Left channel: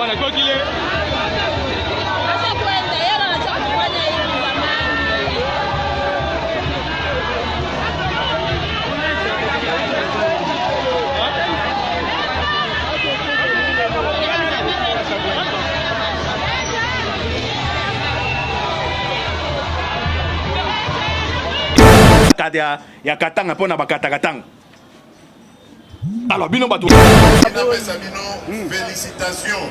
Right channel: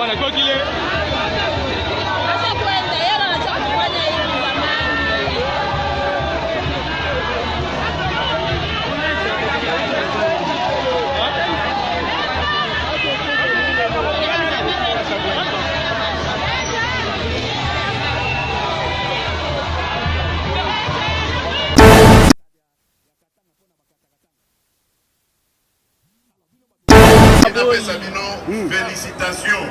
bwana kwa kile ya katanga pona bakata katanga. Alors bino bato. Félicitations.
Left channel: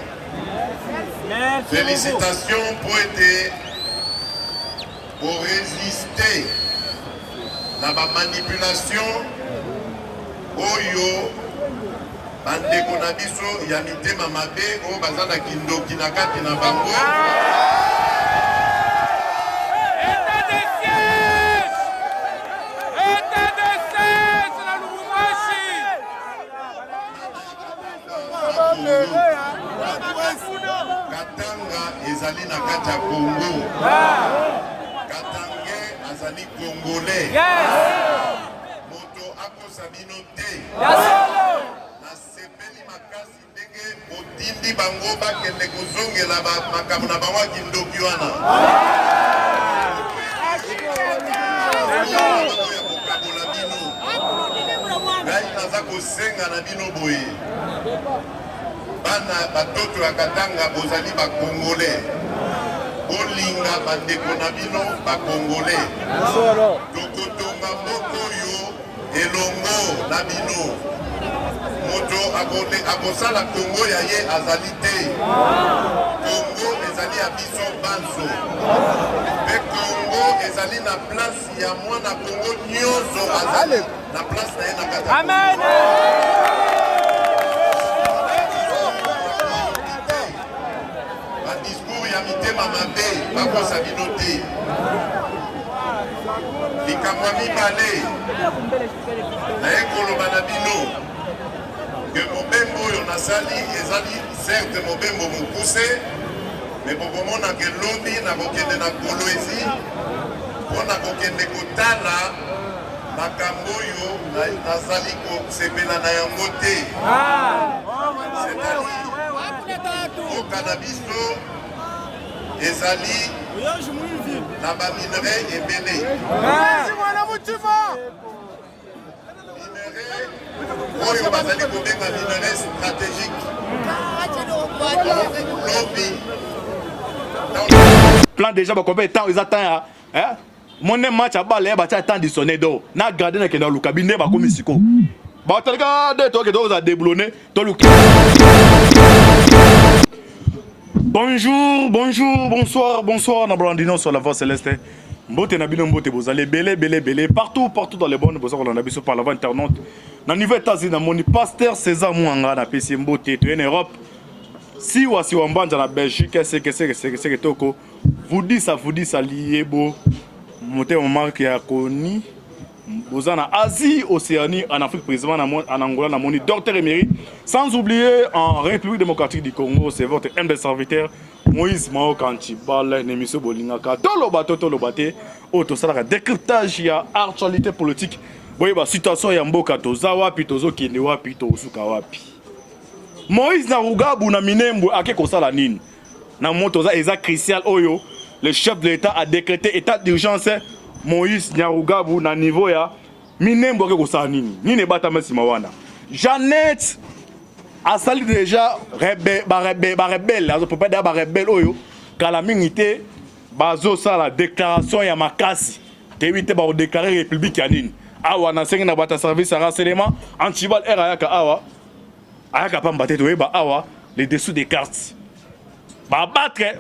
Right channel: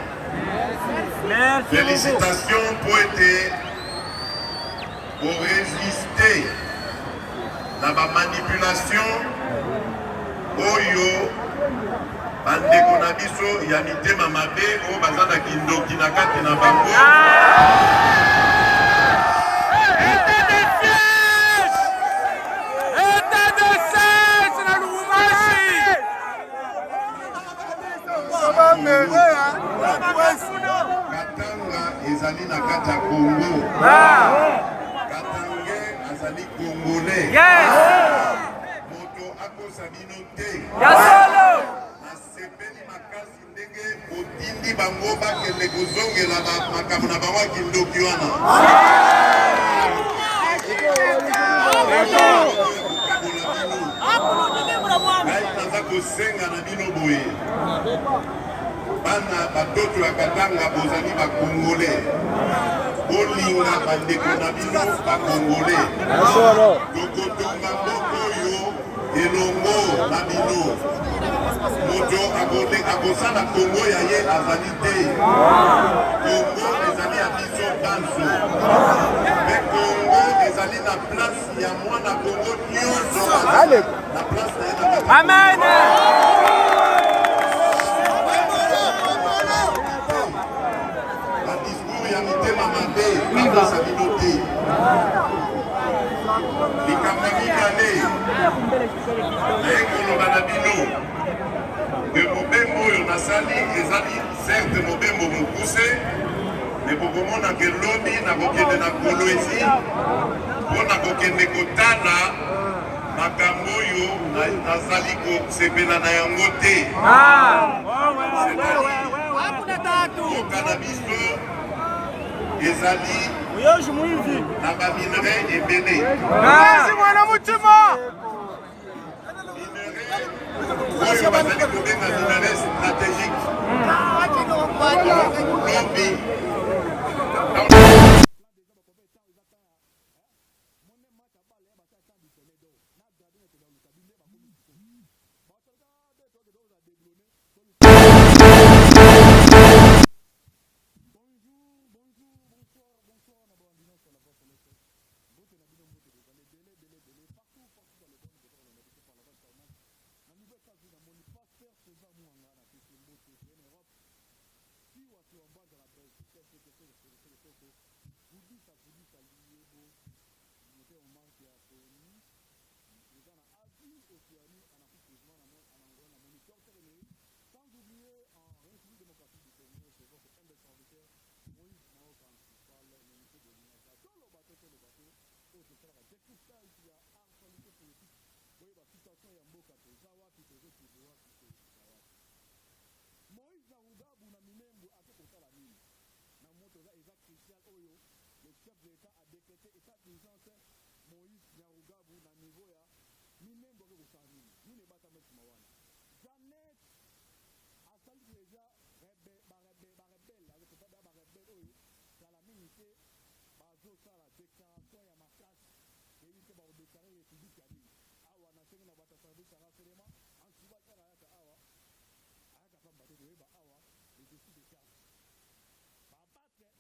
Félicitations pour résister à la manipulation. Oyo bandeko na biso ya mitema mabe o bazana kindoki na kati na bango. Katanga ezali na kati ya Congo. Katanga azali Congolais. Moto akosa bino te. Nasepeli makasi ndenge otindi bango bakende kozongela makambo na bango kindoki wana. Ngai naza kosenga na bino boye. Bana batoto ya Katanga bozali ba Congolais. Olinga bandeko na bino ba Congolais. Tokotonga moko yo elongo na bino. Moto akosala Congo ya ye azali te. Congo ezali ya biso banso. Me Congo ezali na place ya mwana Congo nyonso azali na place na ye na Katanga. Amen. Bakosa bino te. Likambo mibale naye koloba na bino ke mobembo oyo nasali ezali certes mobembo mokuse me bokomona ke lobi nakokende na Kolwezi mpo nakokende kotala makambo oyo nazali kosepela na yango te. Yoka na biso ezali na ba minerai ebele. Oyo bazali kobenga minerai stratégique. Lobi. Plan déjà ba combien de temps ils attendent hein? Mon match à balle ba ta temps dissonné do. Na garder na kenda luka binde ba komisiko. Ba telga de to ke do za déblonner to luka. Bonjour, bonjour, bonsoir, bonsoir, Nablandino sur la voix céleste. Mbote Nabino Mbote, vous allez belé, partout dans les bonnes, vous avez vu par la voie internaute. Dans le niveau États-Unis, mon pasteur César Mouanga, na PC Mbote, tu es en Europe. Si ou si on bande dans la Belgique, c'est que toko. Vous dites ça, lié beau. Monté on marque à Koni. Vous en Asie, Océanie, en Afrique, précisément en Angola, en Moni, docteur émérite. Sans oublier en République démocratique du Congo, c'est votre humble serviteur Moïse Mao Kantibal, Nemiso Bolingaka, Tolobate, Autosala, décryptage, il y a actualité politique. Voyez, la situation est en Boka, Tozawa, Pitozo, Kinewa, Pitozuka, Wapi. Moïse Narugabu, Naminembu, Ake Kosala Nin. Namotoza, Eza Christian Oyo, le chef de l'État a décrété état d'urgence. Moïse Nyarugabu na niveau ya minembo ke kosala nini nini bata mesi mawana Jeannette a sali déjà rebelle azo peut pas ba rebelle oyo kala mingité bazo sala déclaration ya makasi tebite ba déclarer république ya nini awa na sengi na bata service à renseignement antibal era yaka awa ayaka pamba te to ba awa les dessous des cartes ba battre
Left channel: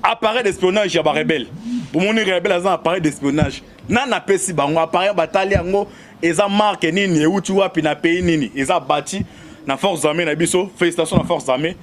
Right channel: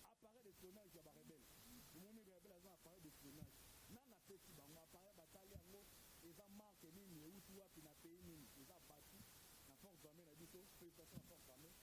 appareil d'espionnage ya ba rebelle. Pour mon rebelle a un appareil d'espionnage. Nana pesi bango appareil batali yango eza marque nini euti wapi na pays nini eza bâti na force armée na biso. Félicitations na force armée.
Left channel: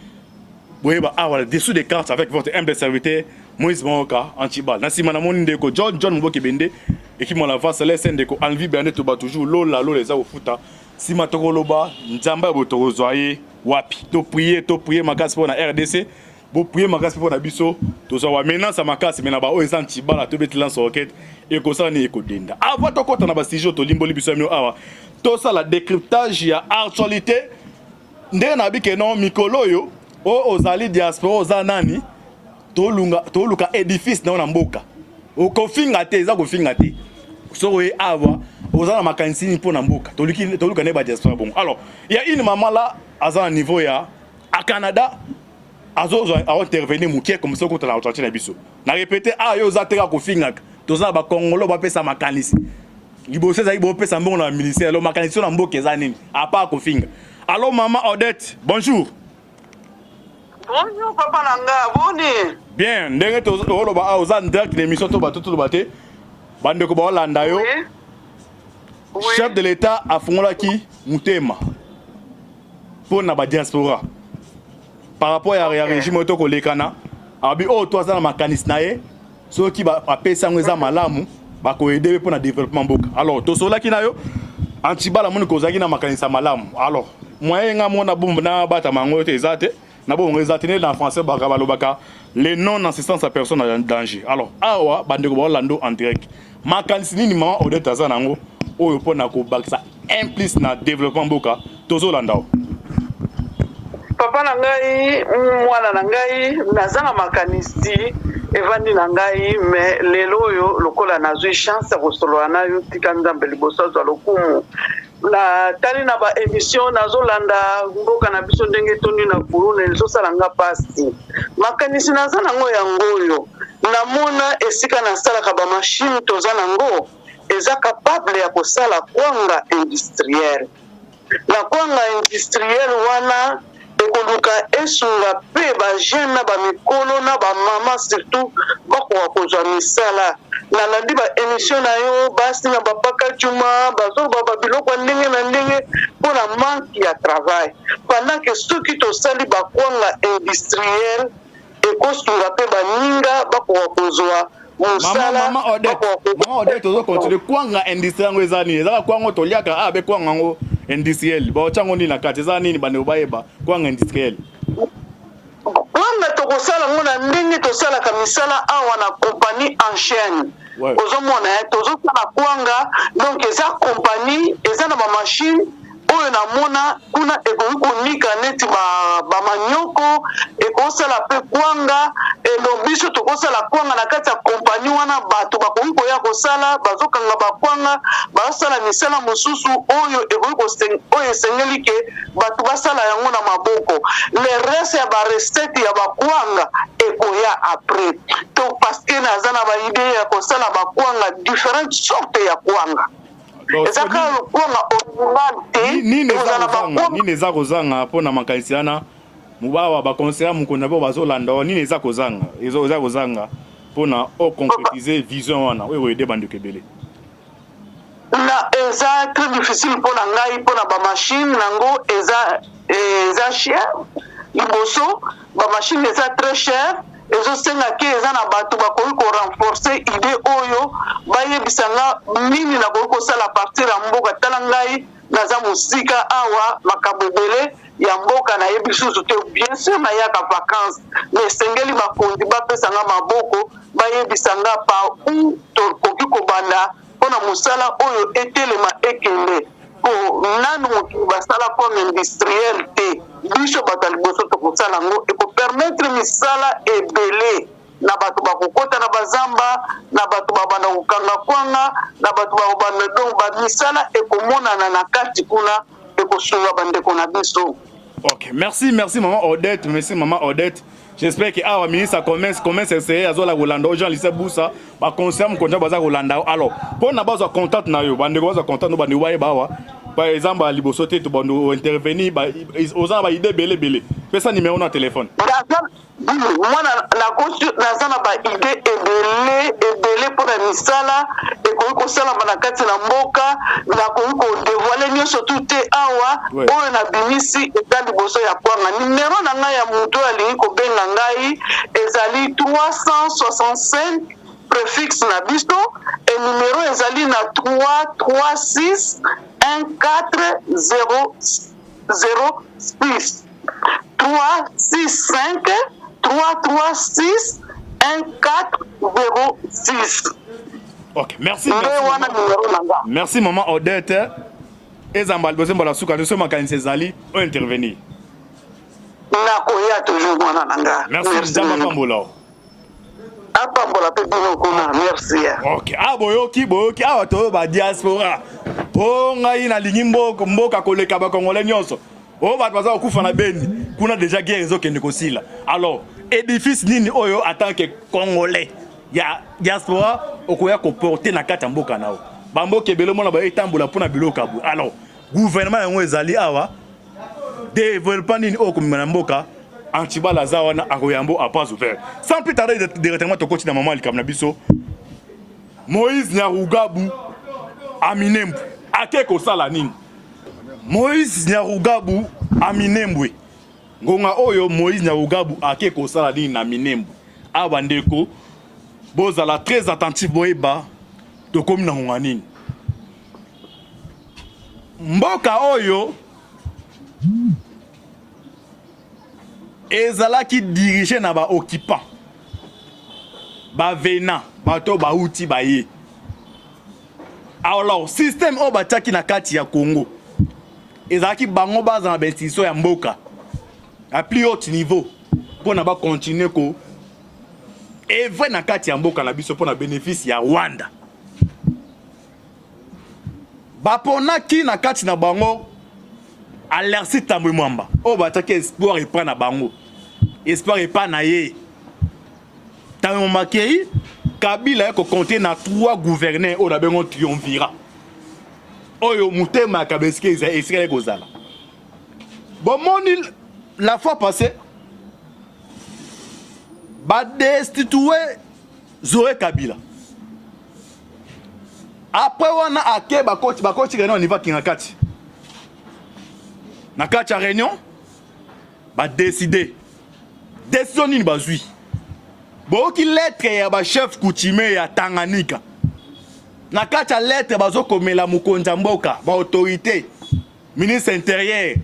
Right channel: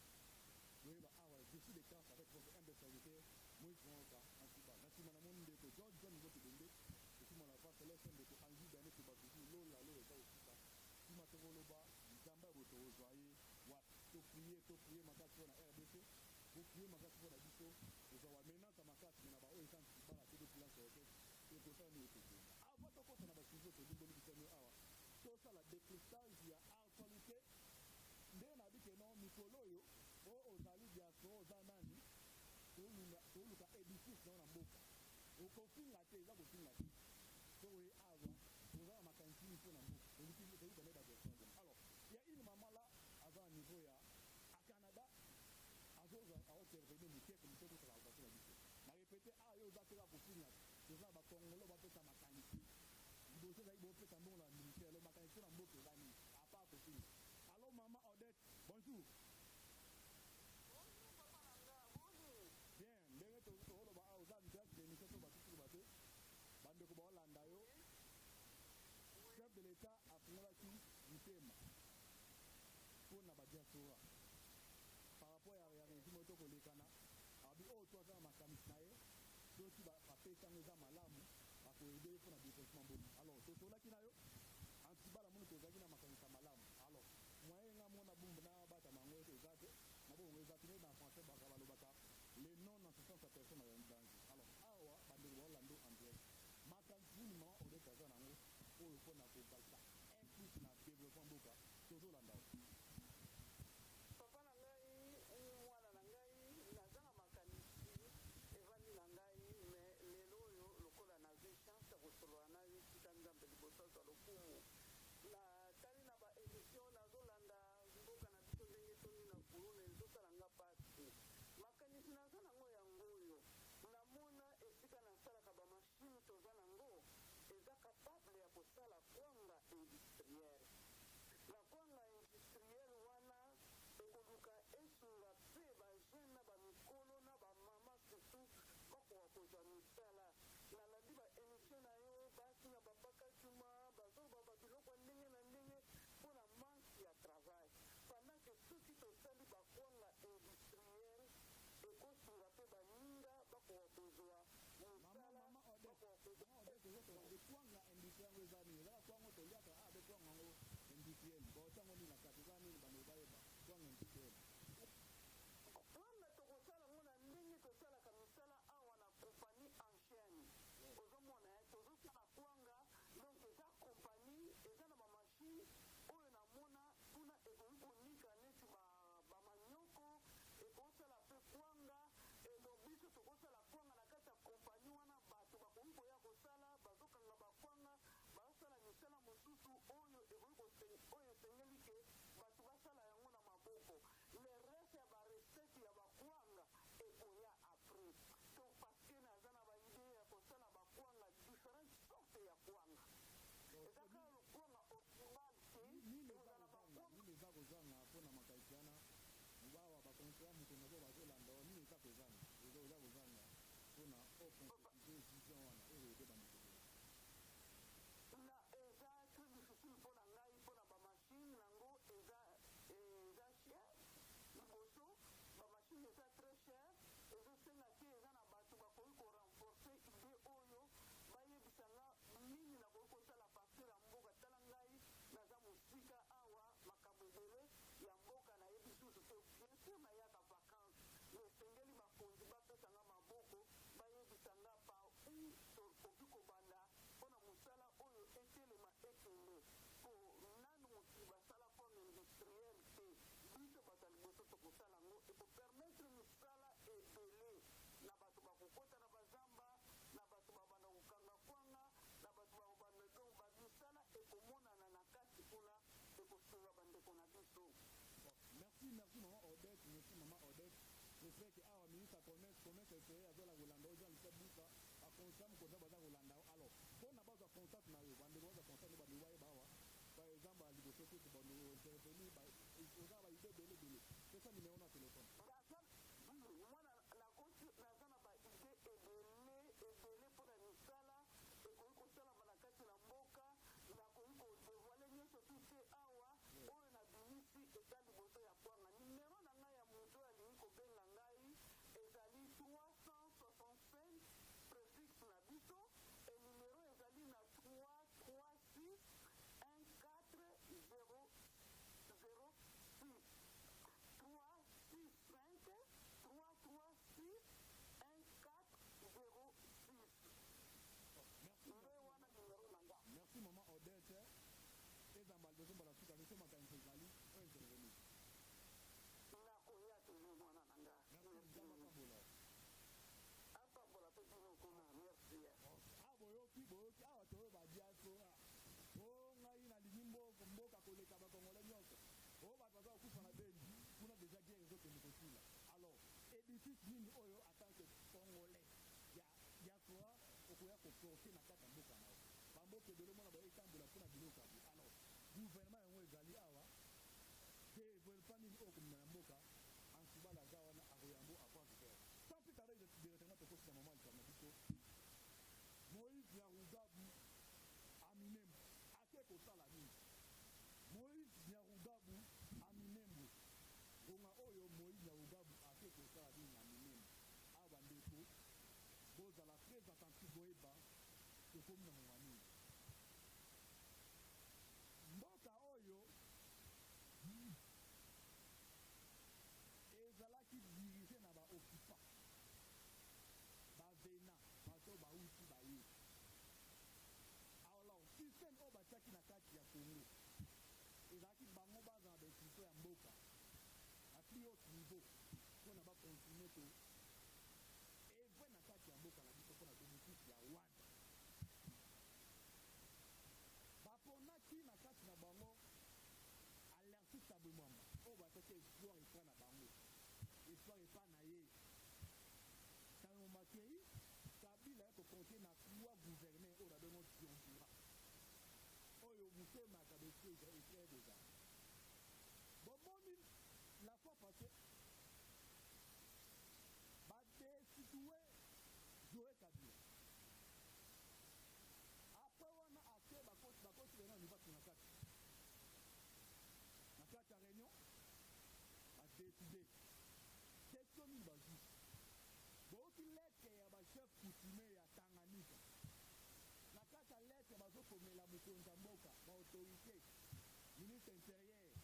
Boye ba ah voilà dessous des cartes avec votre humble serviteur Moïse Moka Antibal. Na sima na moni ndeko John Mboke Bende équipe mon la face céleste ndeko Envie Berne to ba toujours lola eza au futa. Sima tokoloba nzamba botoro zoye wapi. To prier makasi pour na RDC. Vous priez ma casse pour la biso, tout ça va maintenant ça ma casse mais na ba o ezan tibala to beti lance roquette et ko ça ni ekodenda. Avant to kota na ba sijo to limboli biso mio awa. To ça la décryptage ya actualité. Ndé na bi ke non mikolo yo ozali diaspora oza nani toluka édifice na mboka okofinga te eza kofinga te soko ye awa oza na makanisi nini mpona mboka toluka ne badiaspora bongo. Alors il y a une maman là aza na niveau ya à Canada azozwa intervenir mokie comme ça kotala otranche na biso na répété yo oza te kofingaka toza na bakongolo bapesa makanisi liboso ezali bopesa mbongo na ministère alors makanisi na mboka eza nini à part kofinga. Alors maman Odette, bonjour. Bonjour papa nanga, boni. Bien, ndenge toloba oza direct l'émission to bato to baté. Bande ko ba Holanda yo. Oui. Chef de l'État afungolaki mutema. Pour na ba diaspora. Par rapport à régime to ko lekana, abi to za na makanisi na ye, so ki ba apesa ngweza malamu ba ko aider pour na développement mboka. Alors to solaki na yo antibala moni ko zaki na makanisi malamu. Alors moyen nga mona bomba na bata mango te ezate. Na bon réservé dans français baka les non-assistance à personne en danger. Alors awa bande ko Orlando en direct. Makanisi nini mama Odette azanango oyo pona ko bakisa implice na développement mboka tozo landao. Papa nangai mwana nangai nazanga makanisi evandi nangai mais lelo yo lokola nazwi chance kosolola nayo tika nzambe liboso za lokumu. Na tali na ba émission nazolanda mboka na biso ndenge toni na kuruna ezosala nga pasi makanisi naza nango yangoyo namona esika nasalaka ba machine toza nango eza capable ya kosala kwanga industriel na kwanga industriel wana ekoluka esunga pe ba jeune na ba mikolo na ba mama surtout bakoka kozwa misala nalandi ba émission na yo basi na bapaka juma bazoba babiloko ndenge na ndenge mpona manque ya travail pendant que soki tosali bakwanga industriel ekosunga mpe baninga bakoka kozwa mosala. Mama Odette tozo continue kwanga industriel ngo eza nini ezaka kwango toliaka abe kwanga ngo industriel baochango nini na kati eza nini bande obayeba kwanga industriel kwanga tokosala ngo na ndenge tosalaka misala awa na compagnie en chaîne. Ozomona tozosala kwanga donc eza compagnie eza na bamachine oyo namona kuna ekoki konika neti bamanyoko ekosala mpe kwanga elo biso tokosala kwanga na kati ya kompani wana bato bakoki koya kosala bazokanga bakwanga basala misala mosusu oyo ekoki oyo esengeli ke bato basala yango na maboko le reste ya barecette ya bakwanga ekoya après to parce que naza na baide ya kosala bakwanga différentes sortes ya kwanga. Nini eza kozanga mpona makanisi wana mubawa bakonsera mokunda mpo bazolanda nini eza kozanga eza kozanga mpona oconcrétiser vision wana oyo koyede bandeko ebele na eza très difficile mpona ngai mpona bamachine nango eza cher liboso bamachine eza très cher ezosenga ke eza na bato bakoki korenforce ide oyo bayebisanga nini nakoki kosala partir ya mboka tala ngai naza mosika awa makambo ebele ya mboka nayebi susu te bien sûr nayaka vacance mais esengeli bakonzi bapesanga maboko bayebisanga pa u tokoki kobanda mpona mosala oyo etelema ekende po nanu mokili basala comme industriel te biso bato ya liboso tokosala yango ekopermettre misala ebele na bato bakokota na bazamba na bato babanda kokanga kwanga na bato bakobanda donc bamisala ekomonana na kati kuna ekosunga bandeko na biso. Ok, merci maman Odette, merci maman Odette. J'espère que awa ministre commerce essayer azola kolanda aux gens lycée Boussa ba conseiller mon konja baza kolanda. Alors pour na baza contact na yo bande baza contact no bande waye bawa par exemple à liboso te to bando intervenir ba oza ba idée belé pesa numéro na téléphone. Moi naza na ba idée ebele mpona misala ekoki kosalama na kati na mboka nakoki kodévoile nyonso tu te awa oyo nabimisi eza liboso ya kwanga. Numero na ngai ya moto alingi kobenga ngai ezali 365 préfixe na biso et numero ezali na 336 1406 365 336 1406. Ok, merci. Merci maman Odette. Ezamba liboso mbala suka nso makanisi ezali o intervenir. nakoya toujours mwana na nga. Merci Nzamba Pambola. Apambola pe bino kuna, merci. OK. Ah boyoki awa to ba diaspora. Oh ngai na lingi mboka koleka ba Congolais nyonso. Oh ba baza okufa na Beni. Kuna déjà guerre ezokende kosila. Alors, édifice nini oyo en tant que Congolais ya diaspora okoya ko porter na kati mboka nao. Bamboka ebele mona ba etambola pona biloka bu. Alors, gouvernement yango ezali awa développement nini okomina mboka Antibala Zawana Aroyambo a pas ouvert. Sans plus tarder, directement au côté de maman Likam Nabiso, Moïse Nyarugabu Aminembu. Akeko Salanin. Moïse Nyarugabu Aminembu. Gonga Oyo Moïse Nyarugabu Akeko Salanin Aminembu. Abandeko, Bozala très attentif Boeba, Tokom Nanganin. Mboka Oyo. Ezalaki dirigé na ba occupant ba venant bato ba outi ba ye. Alors système o bataki na kati ya Congo ezalaki bango baza na bentiso ya mboka à plus haut niveau pour na ba continuer ko evre na kati ya mboka na biso pour na bénéfice ya Rwanda. Baponaki na kati na bango Alersi Tambwe Mwamba. O bataki espoir et pas na bango. Espoir et pas na ye. Tambwe Makei, Kabila ko compter na 3 gouverneurs au dabengo triomvira. Oyo mutema kabeske ezali kozala. Bon moni la fois passée ba destituer Zoé Kabila. Après wana ake bakoti réunion niveau kingakati. Na kati ya réunion ba décider décision nini bazui boki lettre ya ba chef coutumier ya Tanganyika na kati ya lettre bazokomela mokonzi mboka ba autorité ministre intérieur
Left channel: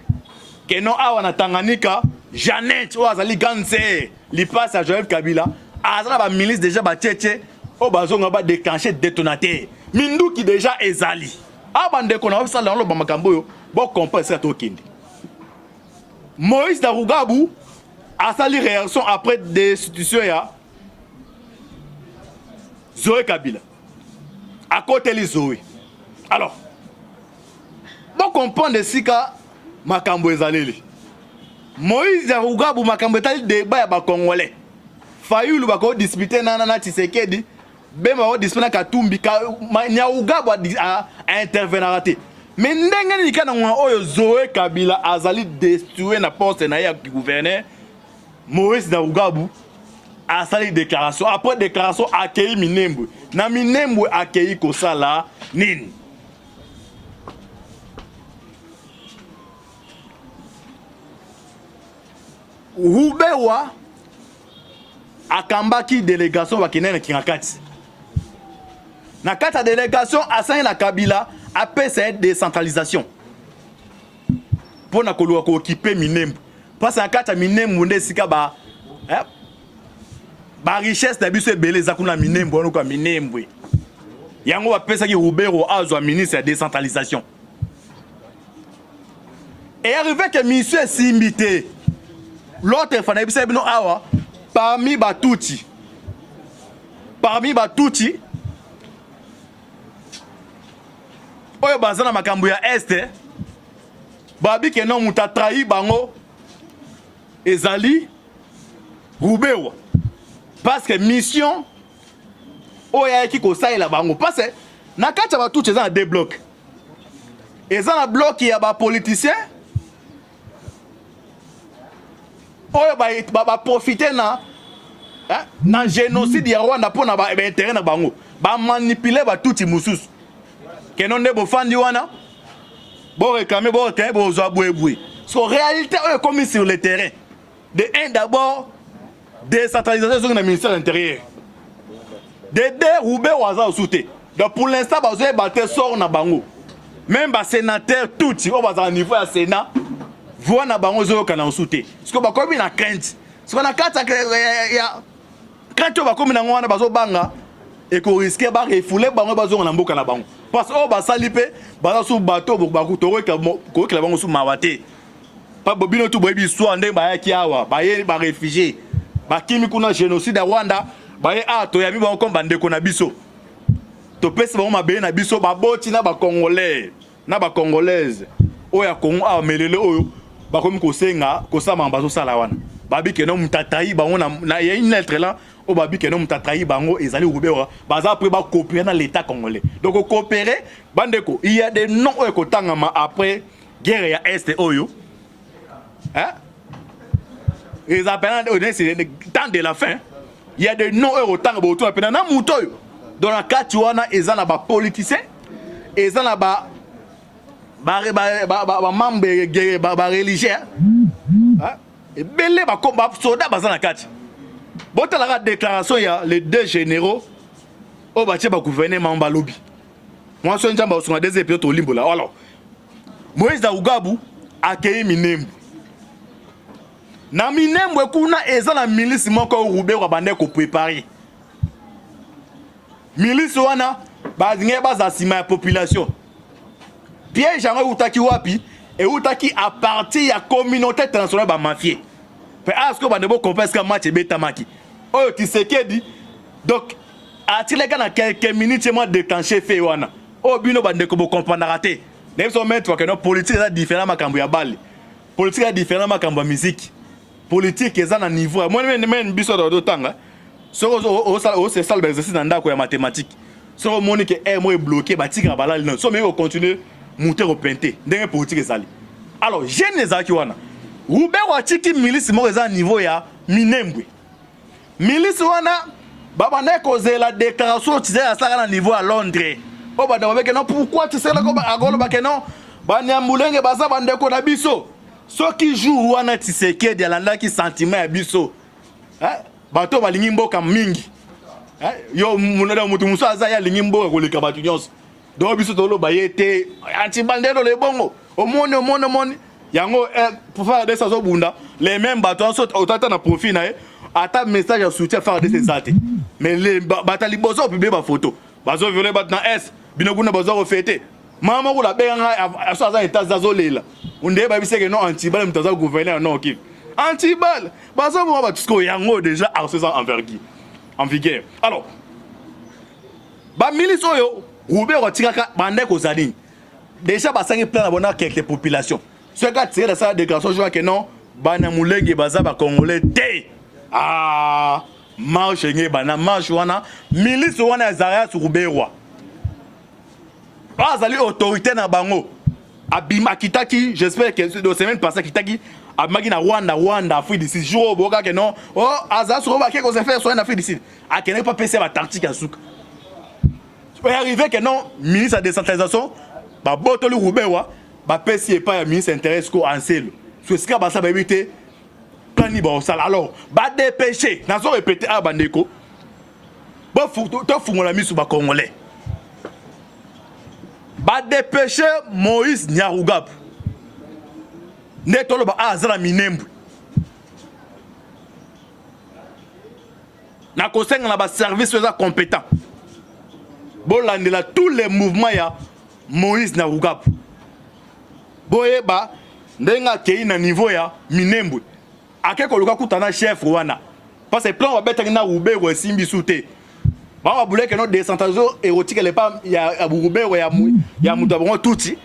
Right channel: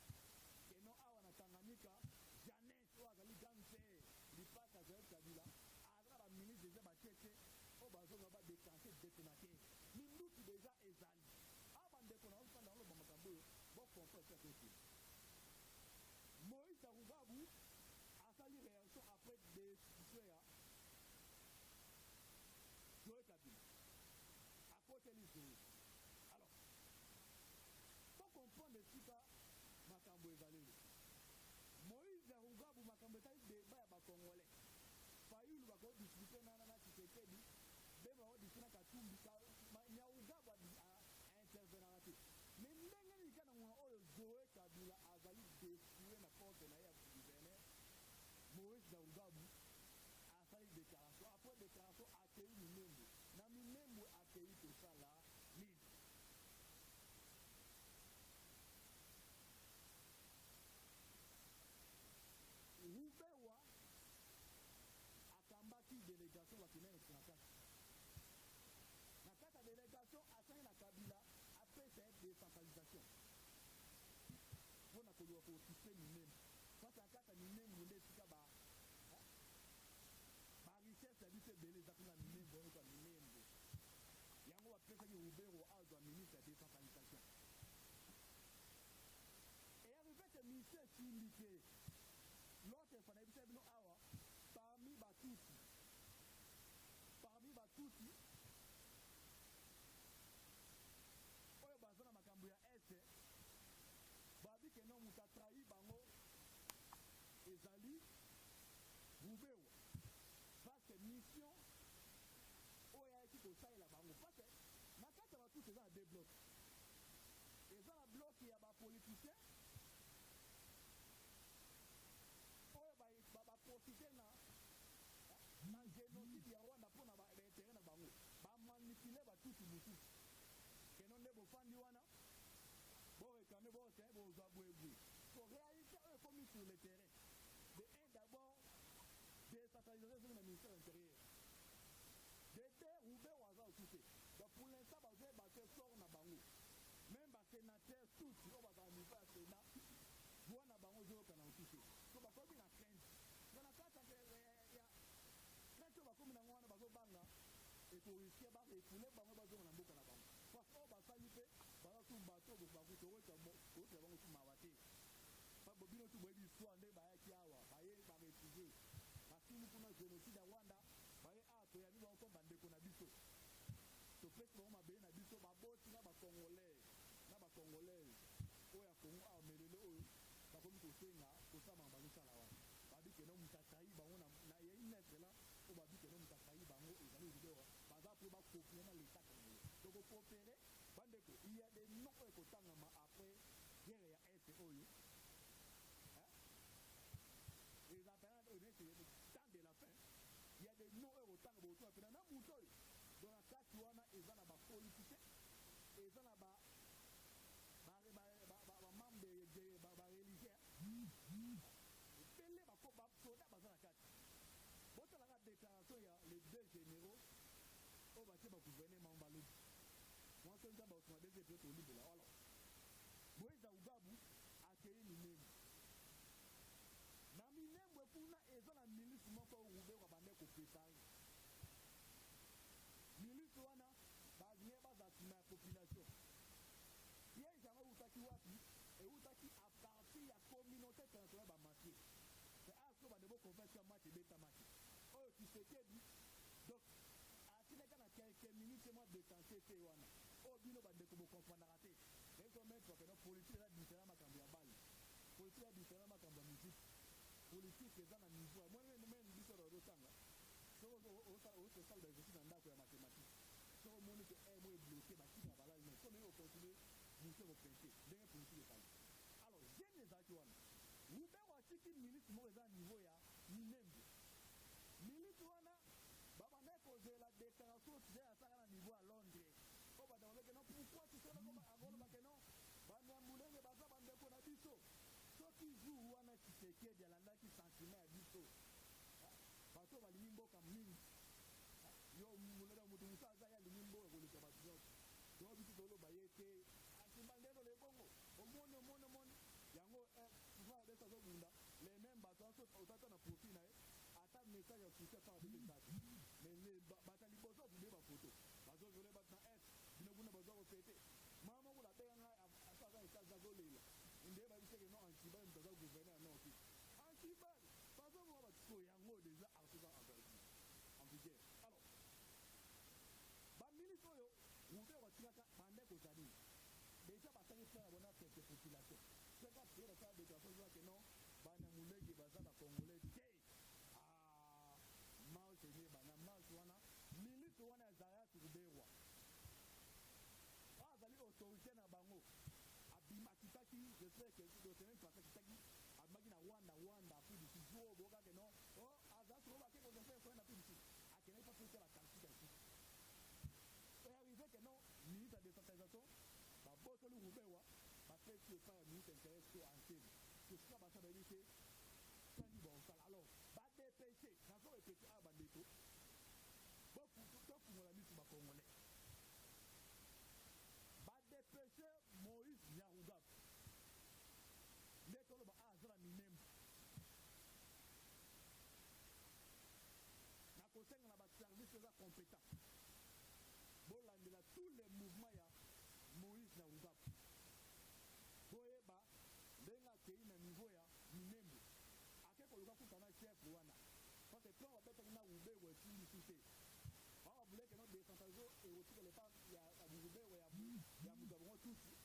keno awa na Tanganyika Janet Oazali Ganse li passe à Joseph Kabila azala ba ministre déjà ba tchétché o bazonga ba déclencher détonateur minduki déjà ezali abande kona osala lo ba makambo yo bo comprendre ça tokindi. Moïse Nyarugabu a sali réaction après destitution ya Zoé Kabila. À côté de Zoé. Alors, bon comprendre de sika makambo ezaleli. Moïse Nyarugabu makambo etali débat ya ba Congolais. Fayulu bako disputer na Tshisekedi, bema o disputer na Katumbi ka Nyarugabu a intervenir raté. Mais ndenge ni kana ngwa oyo Zoé Kabila azali destitué na poste na ya gouverneur Moïse Nyarugabu a sali déclaration après déclaration accueilli Minembwe na Minembwe accueilli kosala nini Rubewa akambaki délégation bakinene kingakati na kata délégation asani na Kabila après cette décentralisation pour na koluwa ko occuper Minembwe parce que kata Minembwe nde sika ba richesse na biso ebele za kuna Minembwe ono kwa Minembwe yango ba pesa ki Rubero azwa ministre de décentralisation et arrivé que monsieur Simbité l'autre fana bisa bino awa parmi Batuti oyo bazana makambo ya este babi ke non muta trahi bango ezali Rubewa parce que mission oyo yaki ko saila bango parce que na kati ba tout ezana deux blocs ezana bloc ya ba politicien oyo ba profiter na génocide ya Rwanda pona ba intérêt na bango ba manipuler ba tout mususu kenon de bofandi wana bo réclamer bo terrain bo zo aboué so réalité est comme sur le terrain de un d'abord décentralisation sur le ministère de l'Intérieur de deux Roubaix waza osouté donc pour l'instant bazo battre sort na bango même ba sénateur tout au bas niveau ya Sénat voix na bango zo kana osouté parce que ba komi na crainte parce que na kata ya crainte ba komi na ngwana bazo banga et ko risquer ba refouler bango bazo na mboka na bango parce que ba salipe ba sou bateau ba ko to ko la bango sou mawate pas bobino tout boyebi histoire ndenge bayaki awa baye ba réfugié bakimi kuna génocide à Rwanda baye a to yami ba komba ndeko na biso to pesa ba mabe na biso baboti na ba congolais na ba congolaise oya Congo a melele oyo bakomi kosenga kosama bazo sala wana babi ke no mutatai bango na y a une lettre là au babi ke no mutatai bango ezali Roubérois baza après ba coopérer dans l'état congolais donc coopérer bandeko il y a des noms oyo kotangama après guerre ya est oyo hein ils appellent c'est le temps de la fin il y a des noms oyo tanga boto appena na muto oyo dans la kati wana ezana ba politicien ezana ba membre guerre ba religieux hein et belé ba combat soldat bazana kati bota la déclaration il y a les deux généraux au batie ba gouvernement ba lobby moi so njamba osonga des épisodes au limbo là alors Moïse Daougabu accueilli Minembwe na Minembwe kuna eza na milice moko Roubérois bande ko préparer milice wana bazinge bazasima ya population piège yango utaki wapi et utaki à partir ya communauté internationale ba mafia pe asko bande bo comprendre que match betamaki oyo Tshisekedi donc atile kana quelques minutes moi déclencher fait wana o bino bande ko bo comprendre raté ne so mettre que no politique est différent makambo ya balle politique est différent makambo ya musique politique eza na niveau moi même biso do tanga so c'est ça l'exercice dans ndako ya mathématique so monique est moi bloqué batika balali non so mais on continue monter au peinter ndenge politique ezali alors jeune ezaki wana Roubérois tiki milice mo eza niveau ya Minembwe milice wana baba na causer la déclaration tu sais ça na niveau à Londres o ba dawe ke non pourquoi tu sais là ko agolo ba ke non ba nyambulenge baza bandeko na biso so qui joue wana Tshisekedi alanda ki sentiment ya biso hein bato balingi mboka mingi hein yo munada mutu muso aza ya lingi mboka ko leka batu nyonso do biso to lo bayete anti bandelo le bongo omone yango pour faire des sazo bunda les mêmes bato so otata na profit na ata message à soutien faire des até mais les batali bozo publier ba photo bazo violer bat na S binokuna bazo reféter mama ko la benga aso aza état zazo lela unde ba biseke non anti-bal mtaza gouverner non ok anti-bal bazo mo ba tusko yango déjà à ce en vigueur alors ba milice oyo Roubérois tikaka bande ko zali déjà ba sangi plan na bona quelques populations ce gars tire de sa déclaration je vois que non bana mulenge baza ba congolais té ah marche nge bana marche wana milice wana Zaria sur Roubérois bazali autorité na bango abima kitaki j'espère que de semaine passée kitaki abimaki na Rwanda Afrique du Sud jour boka que non oh aza sur ba ke ko se faire soit en Afrique du Sud a kené pas passer ba tactique à souk peut arriver que non ministre de décentralisation ba botoli Roubérois ba pesi pas ya ministre intéresse ko anselo so sika ba sa ba éviter plani ba sala alors ba dépêcher na so répéter a bandeko ba to fungola misu ba congolais ba dépêcher Moïse Nyarugab netolo ba azala Minembwe na kosenga na ba service eza compétent bolandela tous les mouvements ya Moïse Nyarugab boyeba ndenga kei na niveau ya Minembwe akeko luka kutana chef wana parce que plan wa betaki na Roubérois simbi souté ba wa boulé que no décentralisation érotique les pas ya Roubérois ya mutu bongo touti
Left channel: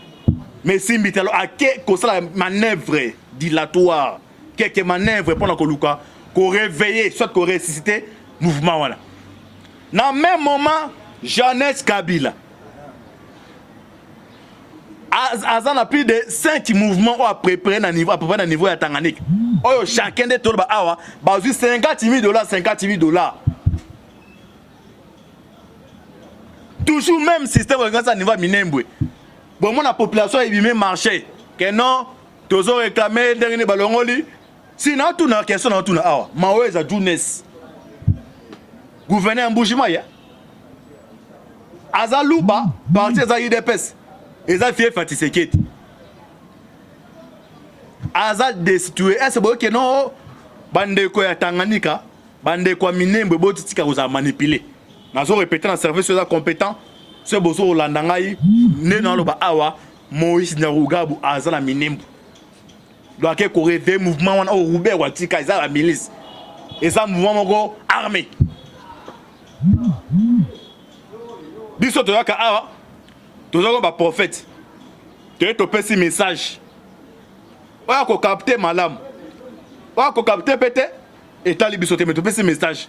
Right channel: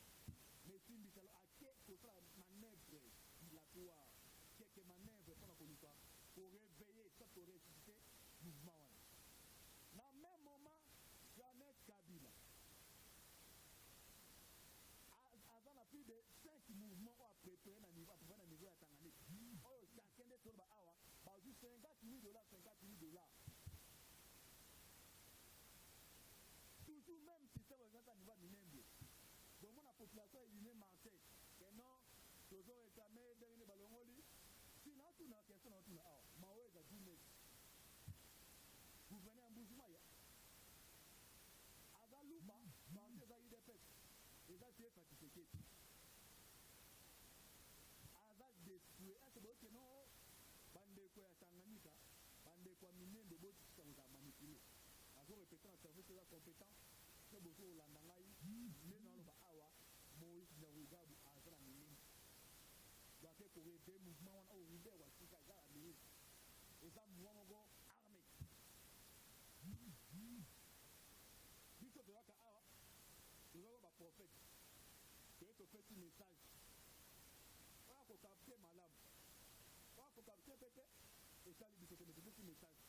mais simbi telo ake ko sala manœuvre dilatoire quelques manœuvres pour na koluka ko réveiller soit ko ressusciter mouvement wana na même moment Jeannette Kabila azana plus de 5 mouvements à préparer à peu près à niveau ya Tanganyika oyo chacun de tolo ba awa ba $50,000 toujours même système organisé à niveau Minembwe bon mon la population est bien marché que non tozo réclamer dernier balongoli sinon tout na question na tout na awa maweza jeunesse gouverneur Mbushima ya azaluba parti za UDPS eza fier Tshisekedi aza destitué est-ce que non bande ko ya Tanganyika bande ko Minembwe botika koza manipuler nazo répéter dans service eza compétent ce bozo landanga yi ne na loba awa Moïse Nyarugab aza na Minembwe doit que courir des mouvements au Roubaix ou Tika ils la milice et ça mouvement armé biso to yaka awa to zo ba prophète to to pesi message oya ko capter malam oya ko capter pété et tali biso te mais to pesi message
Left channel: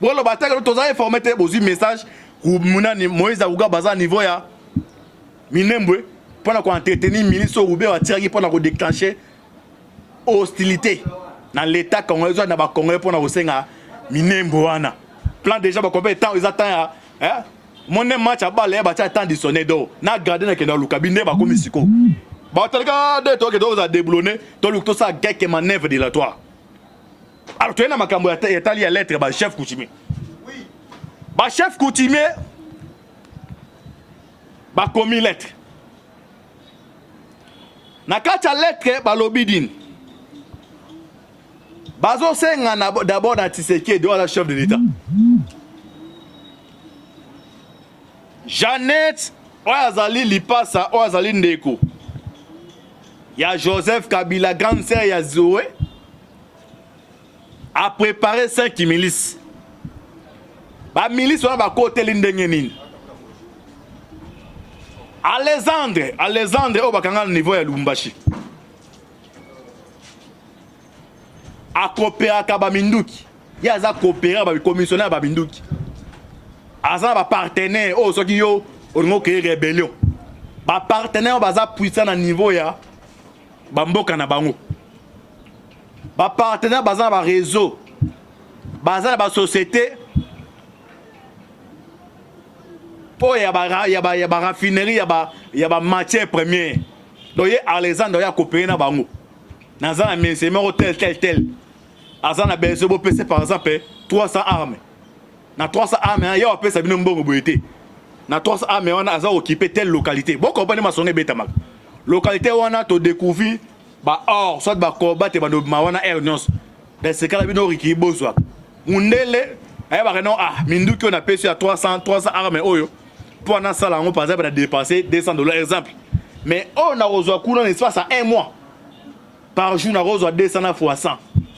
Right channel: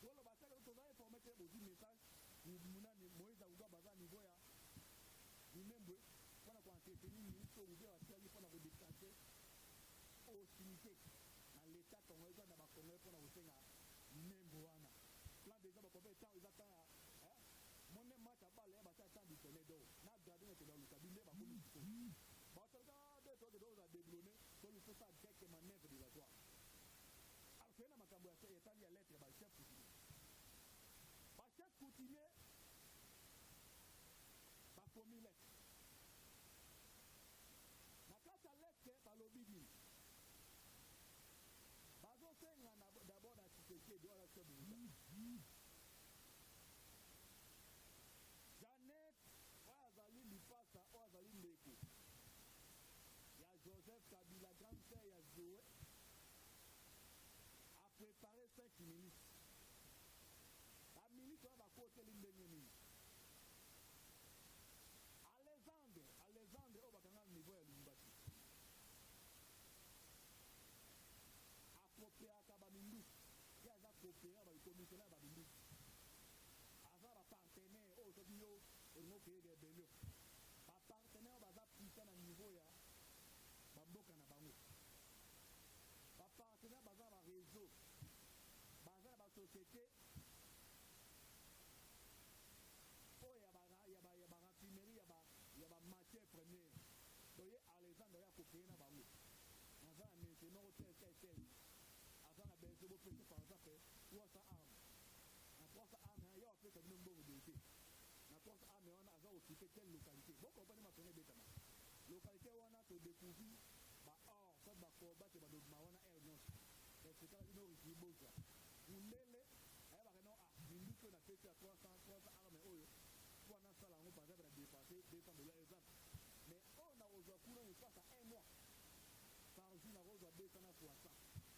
bon le bataille to za informer te bozi message ku munani Moïse Aouga baza niveau ya minembwe pendant qu'on entretenir milice au Roubaix wa tiraki pendant qu'on déclencher hostilité dans l'état congolais na ba congolais pendant osenga minembwe wana plan déjà ba combien de temps ils attendent hein mon match à balle ba temps dissonné do na garder na kena lukabine ba komi siko ba talika de to que do za déblonner to luk to ça quelques manœuvres dilatoires alors tu es na makambo ya tali ya lettre ba chef coutumier oui ba chef coutumier ba komi lettre na kacha lettre ba lobidine bazo senga d'abord na Tshisekedi de la chef de l'état Jeannette Oyazali Lipasa Oyazali Ndeko ya Joseph Kabila grande sœur ya Zoé a préparé 5 milices ba milice wana ba côté lindenge nini Alexandre au bakanga niveau ya Lubumbashi a coopérer ka ba Minduki ya za coopérer ba commissionnaire ba Minduki aza ba partenaire o soki yo ongo créer rébellion ba partenaire baza puissant na niveau ya ba mboka na bango ba partenaire baza ba réseau baza ba société po ya ba raffinerie ya ba matière première donc ye Alexandre ya coopérer na bango naza na ministère tel aza na besoin bo PC par exemple 300 armes na 300 armes ya opé ça bino mbongo boyete na 300 armes on aza occupé telle localité bon compagnie ma sonné beta mak localité wana to découvrir ba or soit ba combattre ba no wana ernos dans ce cas là bino riki bozwa mundele aya ba non Minduki on a payé à 300 armes oyo pour na sala ngo par exemple dépenser $200 exemple mais on a reçu kuna l'espace à 1 mois par jour na reçu 200 fois 100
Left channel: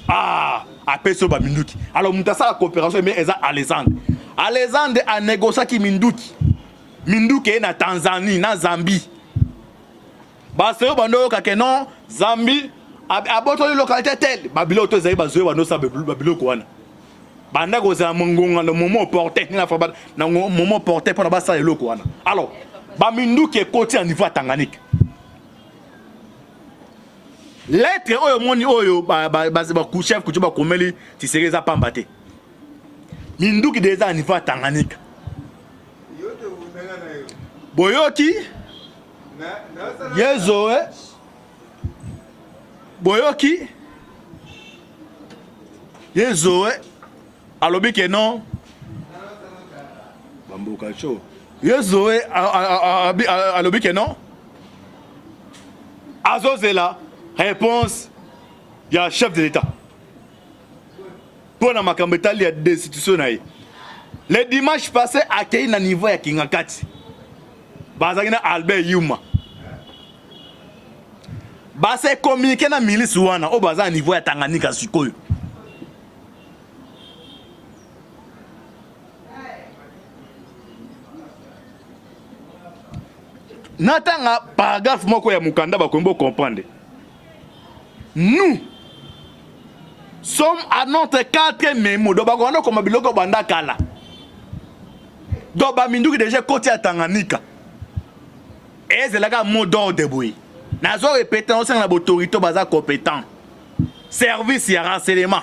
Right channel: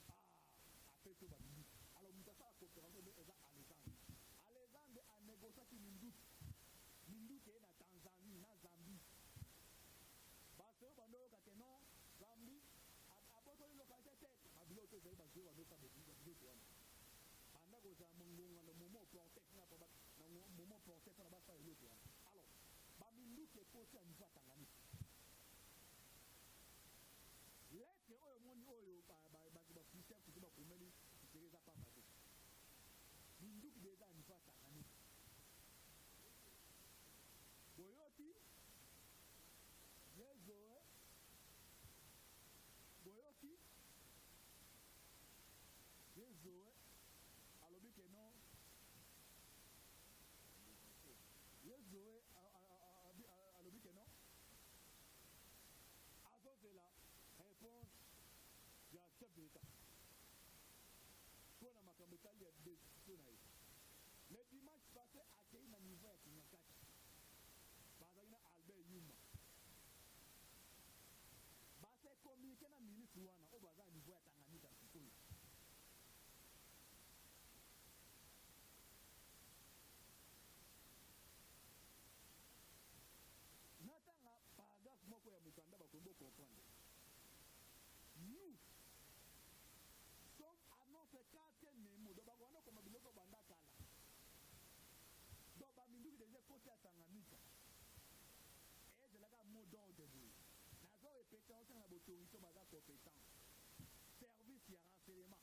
a payé ba Minduki alors mutasa la coopération mais eza Alexandre a négocié ki Minduki est na Tanzanie na Zambie ba seo bando ka ke non Zambie aboto localité telle babilo to zai bazo bando sa babilo ko wana banda ko za mongonga no momo porté na fa na momo porté pour na basa eloko wana alors ba Minduki est côté en niveau Tanganyika lettre oyo moni oyo ba chef kutuba komeli Tshisekedi za pambate Minduki déjà en niveau Tanganyika boyoki yezoe boyoki yezoe alobi ke non bambuka cho yezoe alobi ke non azozela réponse ya chef de l'état pour na makambo etali ya destitution na ye le dimanche passé akei na niveau ya Kingakati bazaki na Albert Yuma base communiquer na milice wana o baza niveau ya Tanganyika sikoyo natanga paragraphe moko ya mukanda bakombo comprendre nous sommes à notre 4e mémo do bakondo koma biloko banda kala do ba Minduki déjà côté ya Tanganyika et c'est là que mot d'ordre boy nazo répéter on na autorité baza compétent service ya renseignement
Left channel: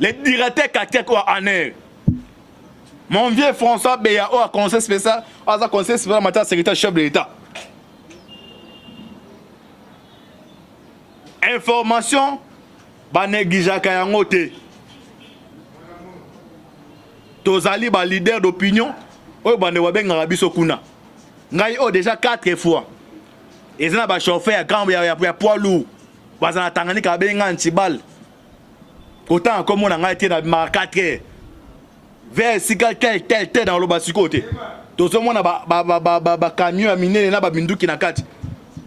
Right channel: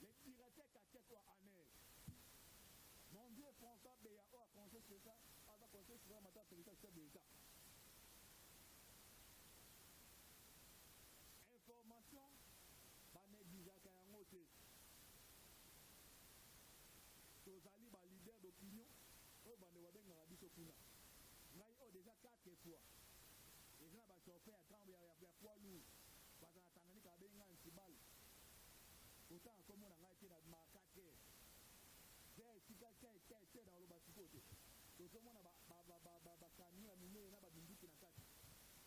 le directeur Katek ou Aner mon vieux François Béa au conseil spécial à conseil spécial en matière de sécurité chef de l'État information ba négligaka yango te tozali ba leader d'opinion oyo bande wabengaka biso kuna ngai o déjà 4 fois ezana ba chauffeur grand ya poids lourd bazana Tanganyika benga ntibal autant comme on a été dans 4 heures vers tel dans le bas côté tozomona ba camion ya minene na ba binduki na kati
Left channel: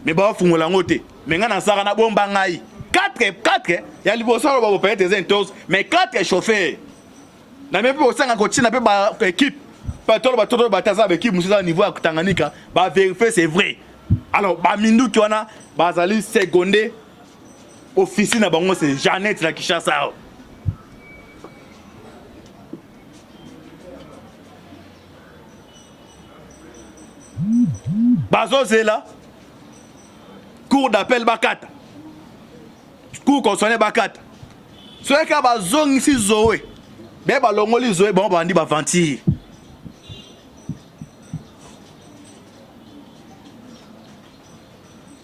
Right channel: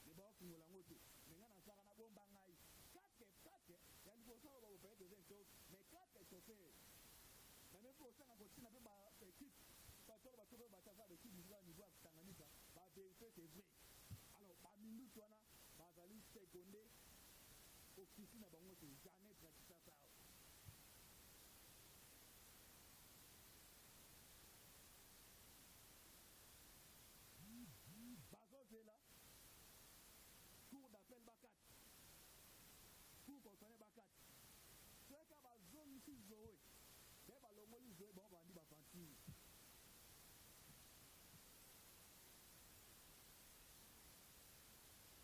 mais ba fungola ngote mais nga na saka na bomba ngai 4 ya liboso ba bo paye des entos mais 4 chauffeurs na même po sanga ko tina pe ba équipe pas tout ba taza ba équipe musa niveau ya Tanganyika ba vérifier c'est vrai alors ba minduki wana bazali secondé office na bango c'est Jeannette na Kishasa bazo zela cour d'appel bakata cour constitutionnel bakata soki ka bazongisi Zoé be balongoli Zoé bango bandi baventir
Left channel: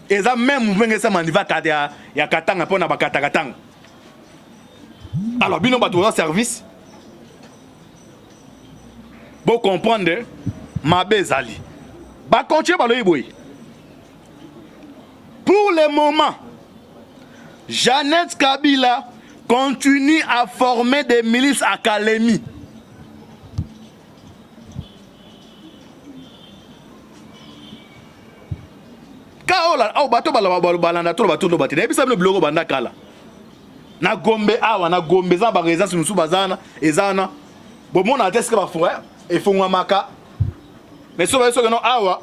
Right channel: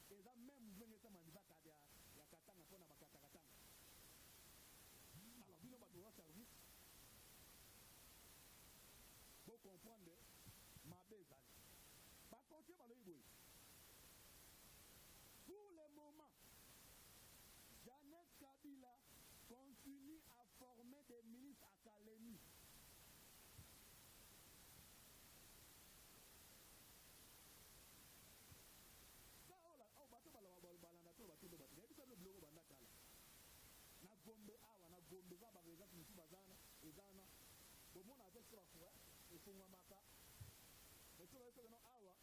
eza même mouvement esa maniva kata ya katanga pona bakata katanga alors bino bato za service bo comprendre mabe ezali ba continuer baloyi boy pour le moment Jeannette Kabila continue à former des milices académies. Kaola au bato balanda to bato no batine ebisa no blogo banda kala na gombe awa na gombe za ba résidence musu bazana ezana bo mona teske ba frère e fungwa maka mais so ba so no awa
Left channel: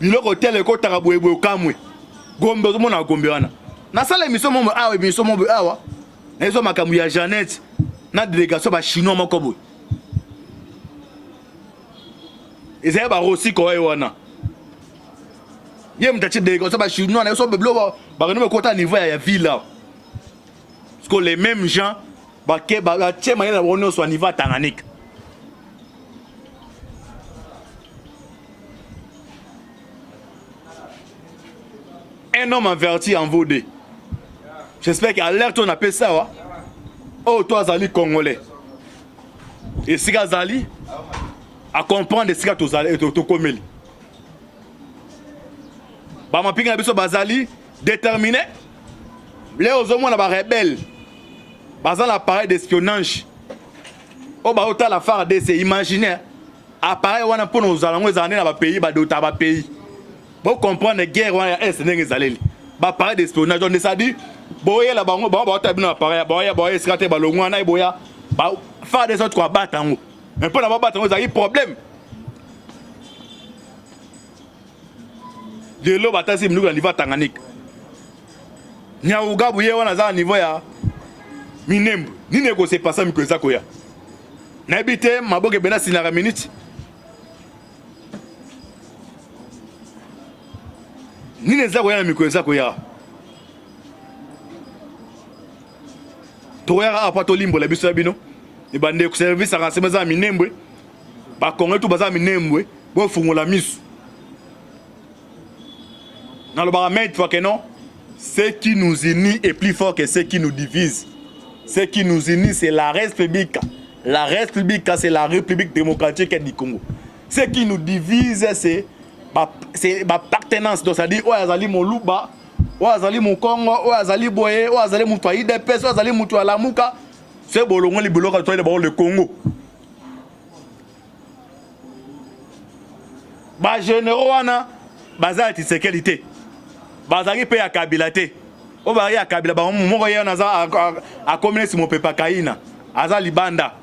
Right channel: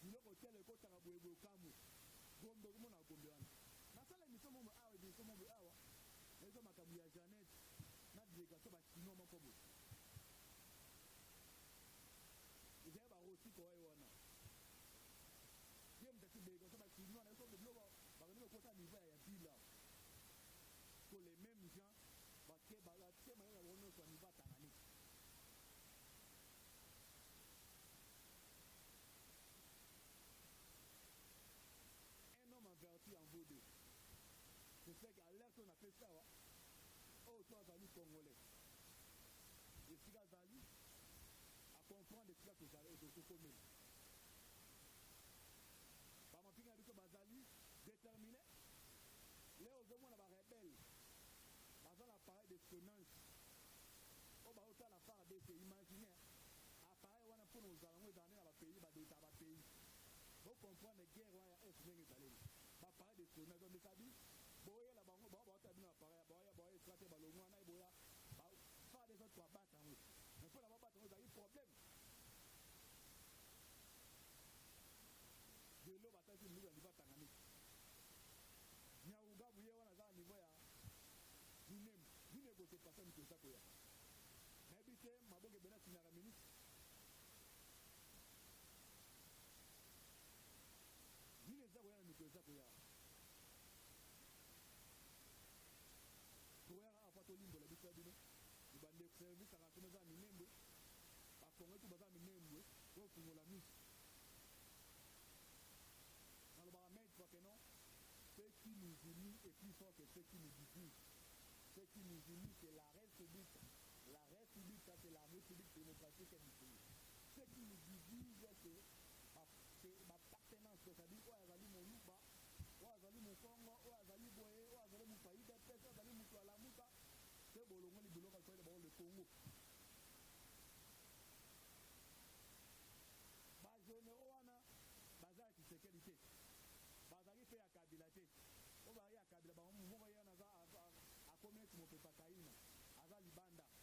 biloko tele ko tarabwebwe kamwe gombe zo mona gombe wana na sala émission mo awa émission mo awa na zo makamu ya Jeannette na délégation ba chinois moko boy ezaya ba rosi ko wana yem tati délégation ba chinois na so beblo ba no kota niveau ya ville là parce que les mêmes gens ba ke ba tchema na wono so niveau Tanganyika. Un homme averti en vaudé. J'espère qu'à l'air on appelle ça. Oh, toi, Zali Congolais. Et si Zali, à comprendre ce que tu as commis. Bah, pinga biso Bazali, déterminé. Les hommes on a rebelle. Bazal appareil d'espionnage. Oh, bah, autant la phare de c'est imaginaire. Appareil, on a pour nos allons les années dans le pays, bah, d'autres pays. Pour comprendre la guerre, on a un sénégalais allé. Bah parler d'espionnage, on ça dit. Boya la bango, bah bah t'as appareil, boya escrater balongo, on a boya. Bah faire des autres quoi battre en haut. Mais pour n'avoir battre en haut, ça y problème. De l'eau bataille si nous au niveau Tanganyika. Nyauga bouye on a ça au niveau ya Minembo. Ni négocier pas ça mi ça koya. N'habite maboke bena sinara minute. Ni neza koya mikweza koya toya apa to limbo la biso bino e bande ku service à renseignement za Minembwe ba kongo tout baza Minembwe bo fungola misu na le baramètre fois que non ce qui nous unit est plus fort que ce qui nous divise. Ce qui nous unit c'est la République. La République c'est la République démocratique du Congo. Ce qui nous divise c'est ma partenance, donc ça dit oh azali moluba oh azali mukongo oh azali boye oh azali mutu IDPS oh azali mutu alamuka c'est bolongo li boloko to le Congo ba généraux wana bazati sécurité bazali pe ya kabila te o ba ya kabila ba moko ye na za a communiste mo pepa kaina azali banda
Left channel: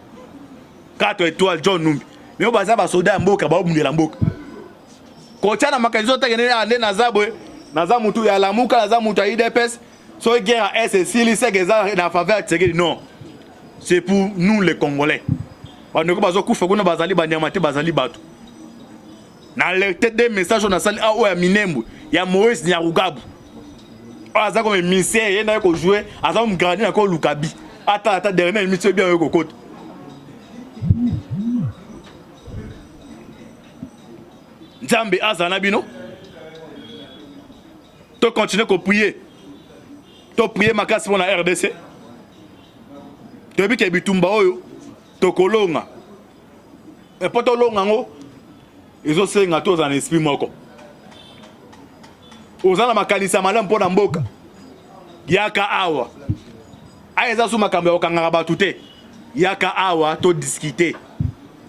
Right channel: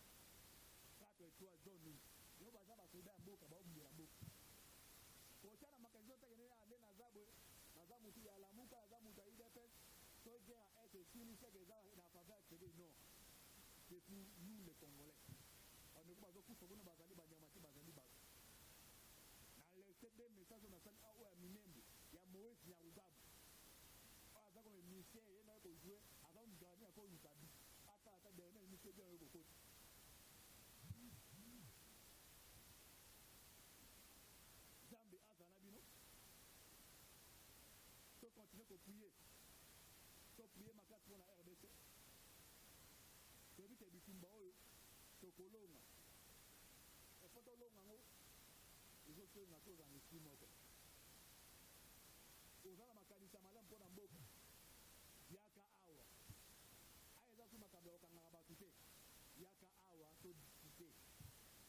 4 étoiles John Numbi mais o baza ba soda mboka ba obundela mboka kochana makalizo tekene ande nazabwe nazamutu ya lamuka nazamutu ya IDPS so guerre à SSC c'est que na faveur de non c'est pour nous les Congolais bando ko bazokufa kuna bazali banyamate bazali bato na le tête des messages on a sali a o ya Minembwe ya Moïse Nyarugabu aza comme misère yena ko jouer aza mu grandir encore Lukabi ata dernier mission bien ko kote. Nzambe azana bino to continuer ko prier to prier makasi pour la RDC to bi ke bitumba oyo to kolonga e poto longa ngo ezo senga to za esprit moko ozana makanisa malamu pona mboka yaka awa aiza su makambo ya okanga batu te yaka awa to discuter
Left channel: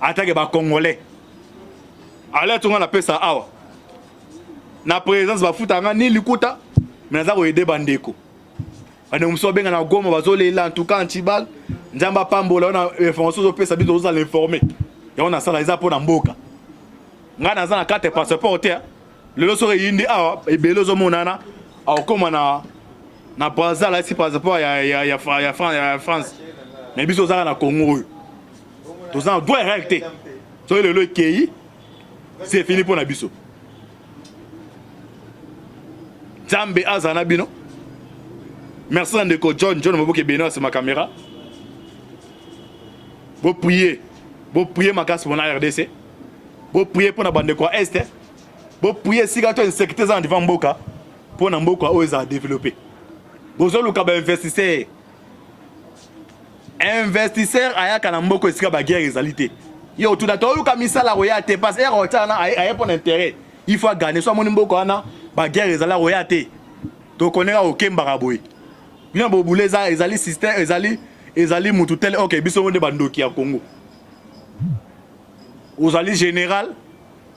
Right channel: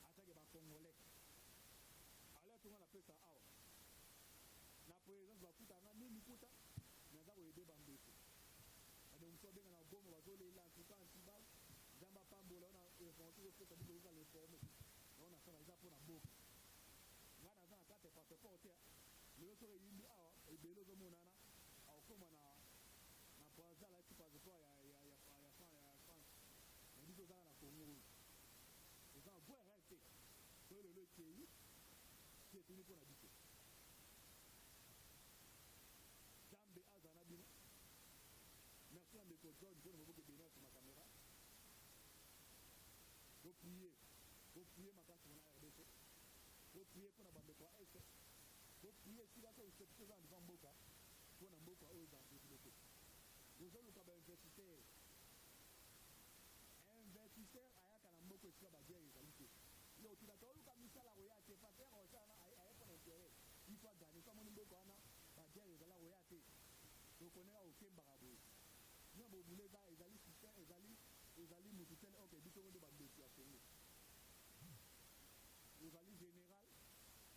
atake ba congolais alerte on appelle ça awa na présence ba futanga ni likuta mais naza ko aider bandeko ane umso benga na goma bazolela en tout cas antibal nzamba pambola on a information zo pesa biso za l'informer ya on a sala eza pona mboka nga naza na carte passeport te lelo so yindi awa ebelo zo monana akoma na Brazza là si passeport ya France mais biso za na Congo to za doit réacter so lelo kei c'est fini pour na biso Zambe azana bino. Merci Ndeko John Maboke Beno c'est ma caméra. Vous priez ma casse pour la RDC. Vous priez pour la bande de quoi Est. Vous priez si gato insécurité en devant Mboka pour na Mboka oza développer. Vous allez ka ba investisseur. Investisseur aya kana Mboko esika ba guerre réalité. Yo tout d'ato luka misala royate passe et rotana aya pour intérêt. Il faut gagner soit mon Mboko ana ba guerre ezala royate. To connaît au Kemba boy. Bien boboulé ça ezali système ezali mutu tel OK biso monde bandoki ya Congo. Ozali général,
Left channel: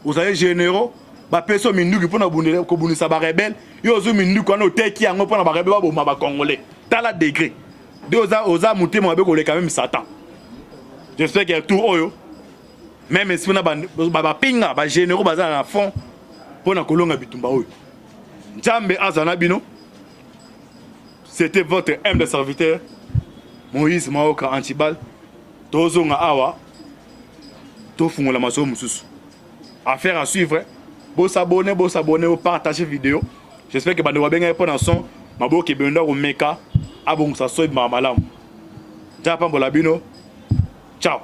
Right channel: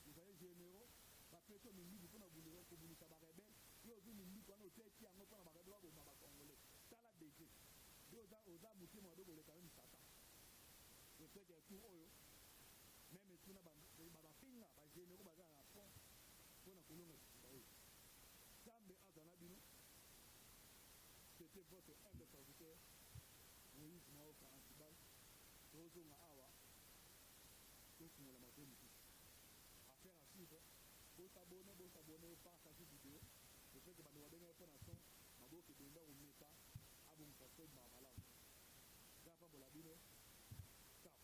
ozali généraux, ba peso minduki pona bunela ko bunisa ba rebelle, yo zo minduki ana oteki yango pona ba rebelle ba boma ba congolais. Tala degré. De oza mutema be ko le quand même Satan. J'espère qu'il y a tout oyo. Même si on a ba pinga ba généraux baza na fond pona kolonga bitumba oyo. Nzambe azana bino. C'était votre humble serviteur Moïse Maoka Antibal. Tozonga awa. Tofungola maso mususu. Affaire à suivre. Bo s'abonner, vous partagez vidéo. J'espère que bande wabenga pour dans son mabo ke benda ko meka abong sa soy mamalam. Japa mbola bino. Ciao.